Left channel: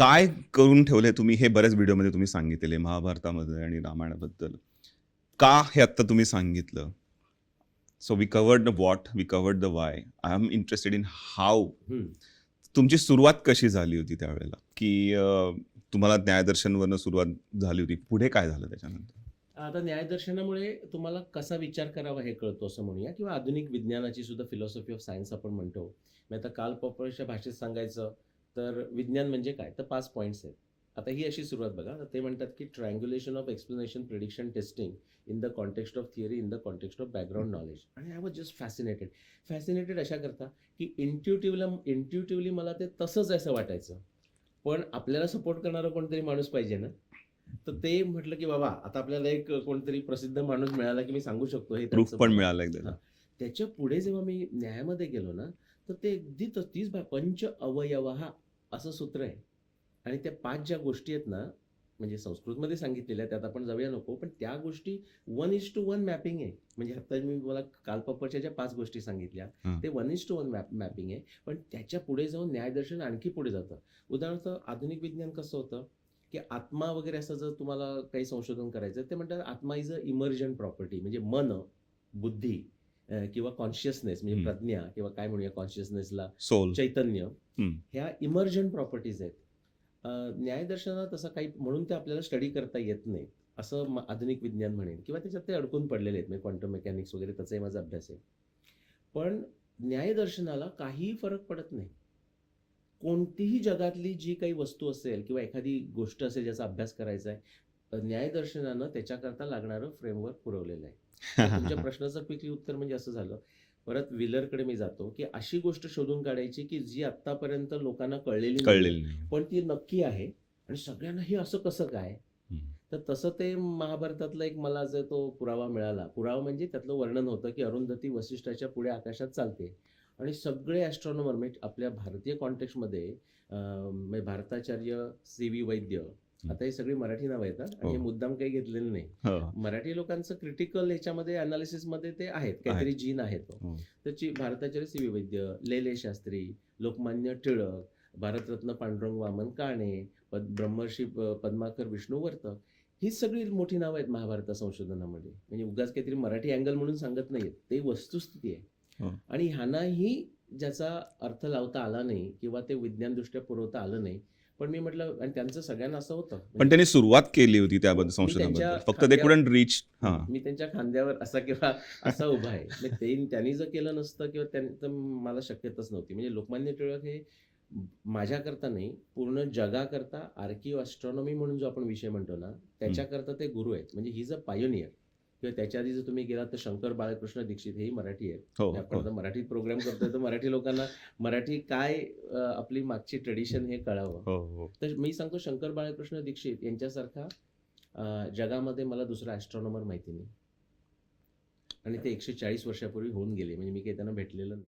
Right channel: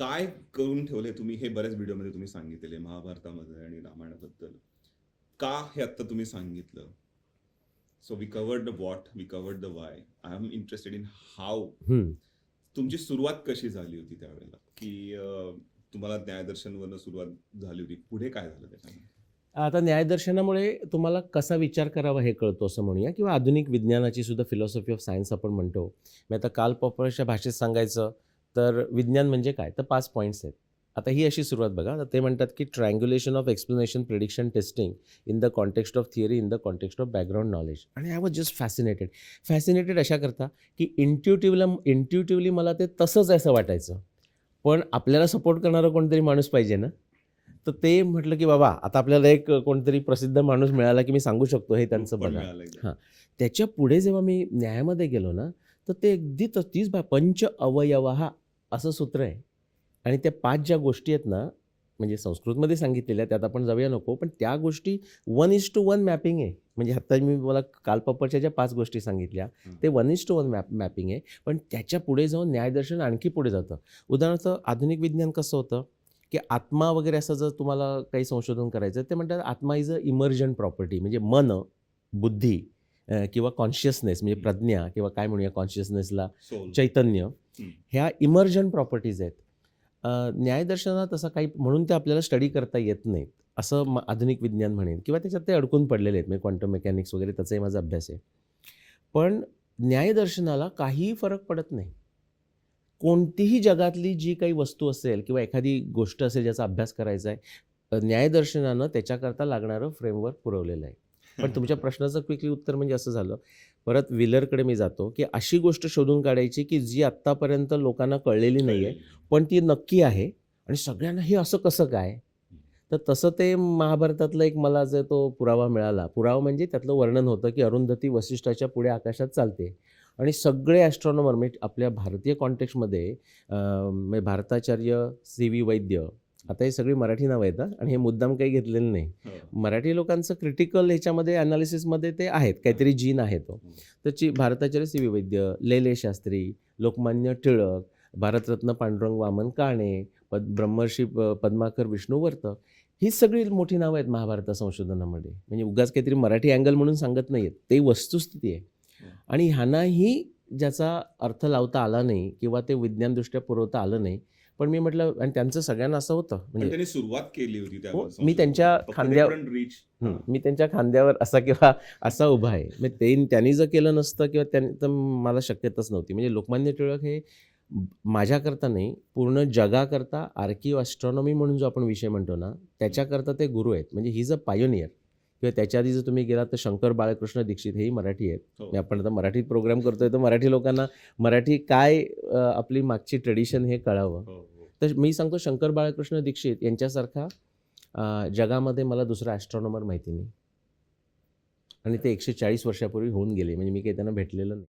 काय करून ठेवलंय तुम्ही हे बऱ्याच व्हिडिओमध्ये तुम्ही सांगितलेले महाभारतामध्ये आणि रामायणाबद्दल. का हे आत्ता तुम्ही सांगितलं? So we covered the what, we covered the why. I am interested in how. हं. तुमची सुरुवात कशी झाली होती त्यावेळेला? की तुम्हाला न्यायदर्शनवरनं सुरुवात झाली होती. पुढे काय झालं त्याच्यानंतर? आता न्यायदर्शनामुळे तुम्हाला कसा विचार करावा हे कळतो असं म्हणूया किंवा आधुनिक विज्ञानाची सुद्धा फिलॉसॉफी ऑफ सायन्स आपण म्हणतो. मी आता कार्ल पॉपरच्या भाषेत सांगायचं तर विज्ञान म्हणजे काय? तर 5 पॉइंट्स आहेत. आता ही अशी सुरुवात बघा. तर ते म्हणतात की triangulation of explanation, prediction, testing in the context of theory, in the context of background knowledge. आणि I was just fascinated. Fascinated अशाकरता की इंट्युटिव्हली मला ते तसंच आहे असं वाटायचं. पण आपल्याला सपोर्ट करणारा कोणतरी माणूस पाहिजे ना. तर ते म्हटलं की बाबा आता आपल्याला एक कोणतरी प्रसिद्ध माणूस मिळाला की मी सांगू शकतो हे प्रूफ त्यांचं पण बघा. मिळालं एकदा. हां. त्याच्या पुढे जेव्हा मी न्यायामध्ये गेलो ना, तर ते अगदी तीच पंच अवयवः असं सूत्र आहे. आणि त्या 5 ज्या गोष्टी आहेत ना, म्हणजे संस्कृतमध्ये सांगितलेल्या त्यात आपण जाऊया नको, पण त्या गोष्टी 1:1 मॅपिंग आहे. म्हणजे आता मी मला काल पप्परच्या ज्या 5 गोष्टी सांगितल्या, हां. ते 1:1 मॅपिंग आहे. पण त्याच्या पुढे जाऊन न्यायदर्शन आणखी पुढे जातं. उदाहरणार्थ आधुनिक विज्ञान कसं होतं, की आत्मा वगैरे असं जर तुम्हाला काही संशोधन करायचं ते म्हणतात आत्मा इज अ इमर्जंट प्रॉपर्टी म्हणजे मन, बुद्धी किंवा कॉन्शियसनेस म्हणजे हं. प्रज्ञा किंवा काय म्हणूया कॉन्शियसनेसला सोल. चैतन्य हं. ह्या इमर्जंट प्रॉपर्टीज आहेत. न्यायदर्शनात तसं काही म्हणून ते आपल्याला स्टडी करता येत नाहीत असं आधुनिक विज्ञान म्हणेन किंवा त्याच्यात ते अडकून पडलेले आहेत म्हणजे क्वांटम मेकॅनिक्स वगैरे त्याचाही माझा अभ्यास आहे. पण न्यायदर्शनाला काहीही फरक पडत नाही. कोणतीही जगातली जी काही वस्तू असेल किंवा एखादी गोष्ट असेल ज्याचा अभ्यास करायचा आहे, न्यायदर्शनानं त्याच्याकरता लागणारं फ्रेमवर्क पुरवलेलं आहे. तर तुमच्या प्रश्नाचं क्विकली उत्तर म्हणजे असं झालं. परत व्हीलरकडे मी जातो, की अशी गोष्ट शोधून काढायची, की जी आत्तापर्यंत लोकांना कळलेली नाहीये, कळलेलं नाही. पण ती नक्की आहे आणि सगळ्यांना हे असं कसं काय? हं. तर तसं ते महाभारतातला एक मला जो तो पुरावा मिळाला. पुरावा म्हणजे त्यातलं वर्णन होतं, की अरुंधती वसिष्ठाच्या पुढे आकाशात चालते आणि सगळे ॲस्ट्रॉनॉमर म्हणजे आपल्या भारतीय कॉन्टेक्स्टमध्ये म्हणजे भारताचार्य सी.व्ही. वैद्य, आता हे सगळी मराठी नावं आहेत हां आणि हे हो. मुद्दाम काही घेतलेलं नाही. हो. मराठी लोकांचं क्रिटिकल ह्याच्यामध्ये ॲनालिसिसमध्ये ते आहेत, आहे. काहीतरी जीन आहे तो. हो. तर भारताचार्य सी.व्ही. वैद्य, लेले शास्त्री, लोकमान्य टिळक, भारतरत्न पांडुरंग वामन काणे, ब्रह्मर्षी पद्माकर विष्णुवर्त, ही सगळी मोठी नावं आहेत महाभारत संशोधनामध्ये. म्हणजे उगाच काहीतरी मराठी अँगल म्हणून सांगत नाहीयेत. ते वस्तुस्थिती आहे. हो. आणि ह्यांनाही ज्याचा अर्थ लावता आला नाही किंवा ते विज्ञानदृष्ट्या पुरवता आलं नाही. पण मी म्हटलं आणि त्यांचं सगळ्यांना असं होतं पण म्हणजे त्यांनी सुरुवात केली होती हो, त्याबद्दल मी त्यांच्या संशोधनाबद्दल. फक्त ते कुडंट रीच. हां. मी त्यांच्या खांद्यावर असा किंवा असा उभा आहे. म्हणजे त्यांनी जर केलं नसतं किंवा त्यांनी तर मला शक्यताच नव्हती. म्हणजे लोकमान्य टिळक हे माझ्याकरता नाही, पूर्ण जगाकरता आर्किओ ॲस्ट्रॉनॉमी म्हणून जो आपण विषय म्हणतो ना, त्याच्याकरता ते गुरु आहेत. म्हणजे ही इज अ पायोनियर किंवा त्याच्या आधी जर तुम्ही गेलात तर शंकर बाळकृष्ण दीक्षित हेही मराठी आहेत. हो, म्हणजे आपण हो. आता मराठीत प्रोग्राम करतोय तर मराठी लोकांना मराठी काय आपली मागची ट्रेडिशन हे कळावं. हो, हो. तर मी सांगतो शंकर बाळकृष्ण दीक्षित यांच्यासारखा जगामध्ये मला दुसरा ॲस्ट्रॉनॉमर माहिती नाही. आणि ते 140 वर्षापूर्वी होऊन गेले. म्हणजे मी काही त्यांना भेटलेलं नाही.